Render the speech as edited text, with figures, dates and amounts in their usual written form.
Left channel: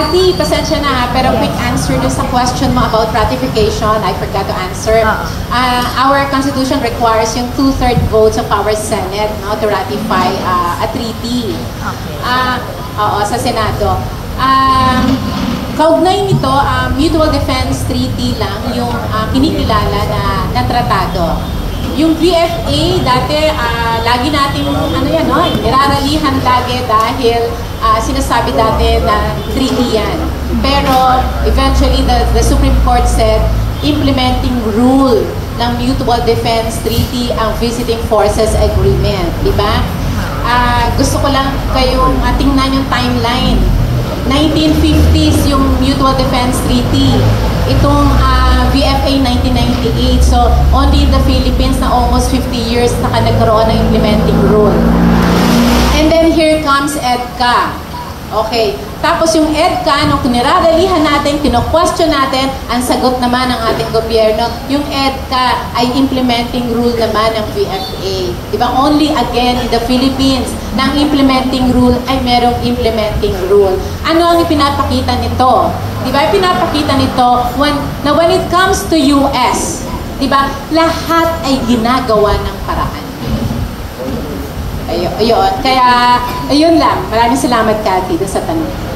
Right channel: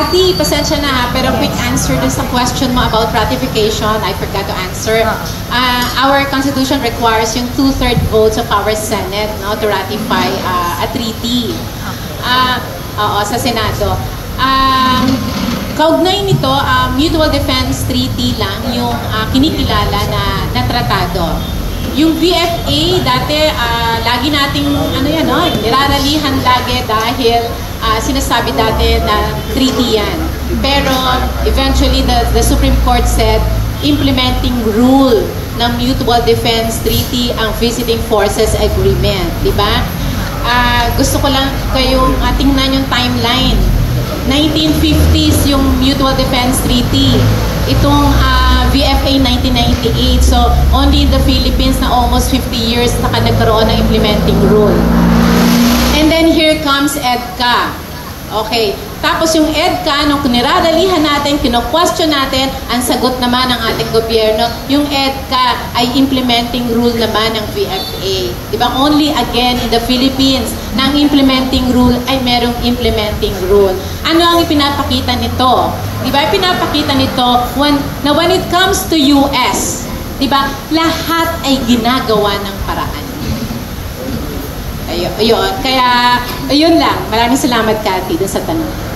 Kathy, pasensya na ha, pero quick answer dun sa question mo about ratification. I forgot to answer. Our Constitution requires yung 2/3 votes of our Senate, no, to ratify a treaty. Oo, sa Senado. Kaugnay nito, Mutual Defense Treaty lang yung kinikilala na tratado. Yung VFA, dati, lagi nating, niraralihan lagi dahil sinasabi dati na treaty yan. Pero, eventually, the Supreme Court said, implementing rule ng Mutual Defense Treaty ang Visiting Forces Agreement. Diba? Gusto ko lang kayong tingnan yung timeline. 1950s yung Mutual Defense Treaty. Itong VFA 1998. So, only in the Philippines na almost 50 years nagkaroon ng implementing rule. And then here comes EDCA. Okay. Tapos yung EDCA, nung niraralihan natin, kino-question natin, ang sagot naman ng ating gobyerno, yung EDCA ay implementing rule naman ng VFA. Diba? Only again in the Philippines, na ang implementing rule ay merong implementing rule. Ano ang ipinapakita nito? Diba? Ipinapakita nito na when it comes to US, diba? Lahat ay ginagawa ng paraan. Ayun. Kaya, ayun lang. Maraming salamat, Kathy, sa tanong.